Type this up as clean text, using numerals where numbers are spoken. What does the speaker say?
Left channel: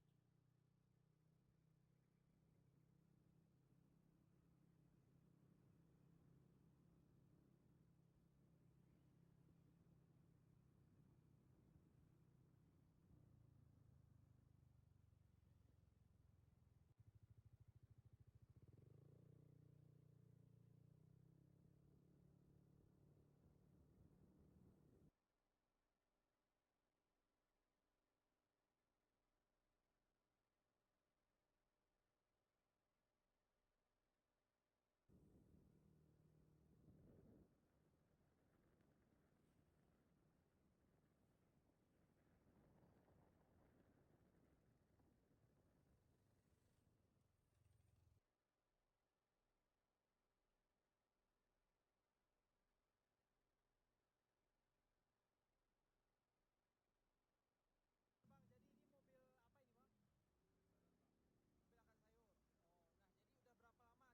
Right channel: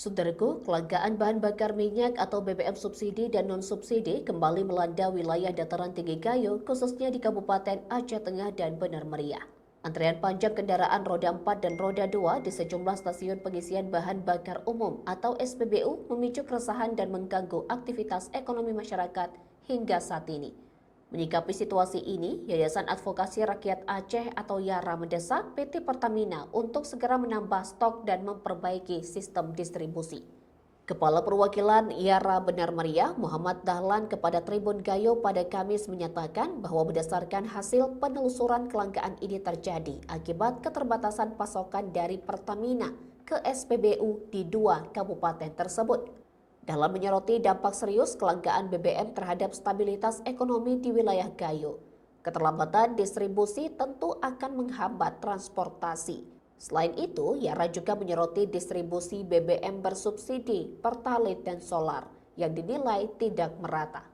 Saudaraku, kelangkaan bahan bakar minyak atau BBM subsidi dan non-subsidi kembali melanda wilayah dataran tinggi Gayo, khususnya di Kabupaten Aceh Tengah dan Benar Meriah. Antrean panjang kendaraan roda 4 dan roda 2 di sejumlah stasiun pengisian bahan bakar umum atau SPBU memicu keresahan dan mengganggu aktivitas ekonomi masyarakat hingga saat ini. Menyikapi situasi ini, Yayasan Advokasi Rakyat Aceh atau YARA mendesak PT Pertamina untuk segera menambah stok dan memperbaiki sistem distribusi. Kepala Perwakilan YARA Benar Meriah, Muhammad Dahlan kepada Tribun Gayo pada Kamis menyatakan bahwa berdasarkan hasil penelusuran kelangkaan ini terjadi akibat keterbatasan pasokan dari Pertamina ke SPBU di dua kabupaten tersebut. Dalam menyoroti dampak serius kelangkaan BBM terhadap stabilitas ekonomi di wilayah Gayo, keterlambatan distribusi tentu akan menghambat transportasi. Selain itu, Yara juga menyoroti distribusi BBM bersubsidi, Pertalite dan solar yang dinilai tidak merata.